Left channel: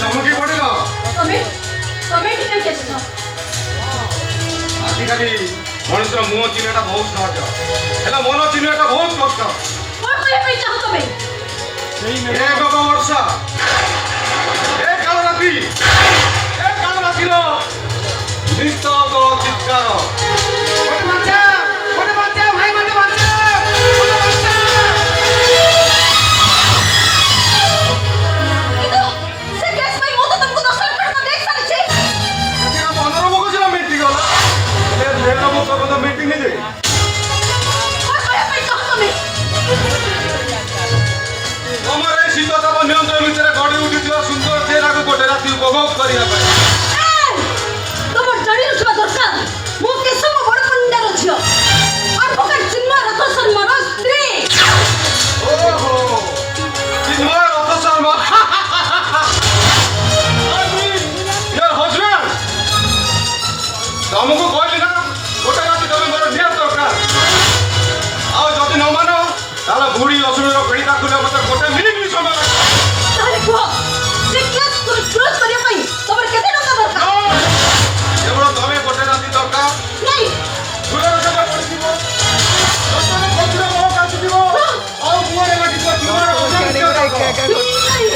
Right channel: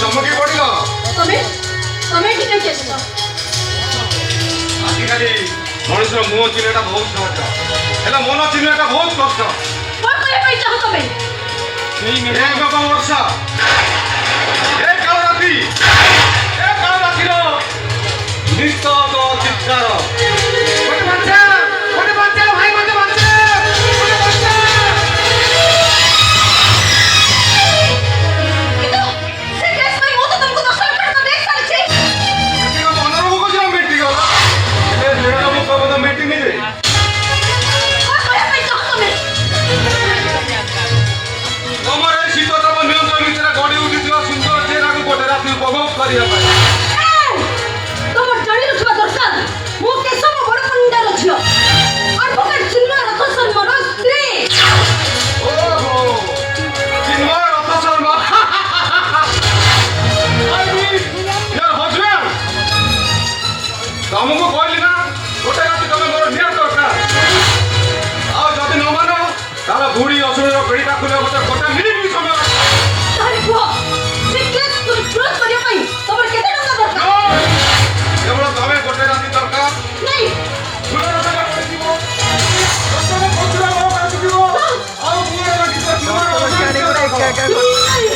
ଚମକି ପଡ଼ିଲ। ତମେ ତମେ ଏଠି କେମିତି ଆସିଛ? ଆଜିକାଲି ମଣିଷର ମୁହଁ ଚିହ୍ନିବାଟା ବହୁତ ସହଜ, ହେଲେ ମନ ଚିହ୍ନିବାଟା ବହୁତ କଷ୍ଟ। କଣ କରିବା ପାଇଁ ଚାହ ତମେ? ଏ ବାବା ବର୍ଷା, ଏ କାଳ ରାତିର ନିସ୍ତବ୍ଧ ଚିତ୍କାର। କିନ୍ତୁ ସେ କେସ୍ ପାଇଁ ମୁଁ ତ ତମକୁ 10 ମିନିଟ୍ ଦେଇ ସାରିଛି। କଣ କରିବା ପାଇଁ ଚାହ ତମେ? ତମର ଜାଣିନଥିବା ଦରକାର ମୁଁ କେଶବ ବଡ଼ ପଣ୍ଡାର ଝିଅ, ଆଡଭୋକେଟ ଚିନ୍ମୟ ରଥ ଶର୍ମାର ସ୍ତ୍ରୀ। ତମକୁ କହିଲି ନା ଗୋଟେ ରାତି ତମେ ମୋର ନିହାତି ଦରକାର। ଆଉ ଯଦି ନ ମାନ ତାହେଲେ ବୁଢୀ ଅସୁରର ପିଢିଟା ଖୋଲା ମତେ ଗୋଟେ ମିନିଟ୍ ବି ସମୟ ଲାଗିବ। ତାହେଲେ କୁହ ସେ କେସ୍ କ୍ଲୋଜ୍ କରିବା ପାଇଁ ତମର କେତେ ଟଙ୍କା ଦରକାର? କେବଳ ତମେ ଗୋଟେ ରାତି ଦରକାର। ନାଇଁ ସୁନ୍ଦର ଜାଗା ପଡ଼ିଯିବ, ଦର୍ଶନ କରୁଥିବା ଲୋକ ଆସିଯିବ, ଆଉ ମୁହଁରେ ଲାଗିଯିବ ଜୀବନ ନାଇଁ।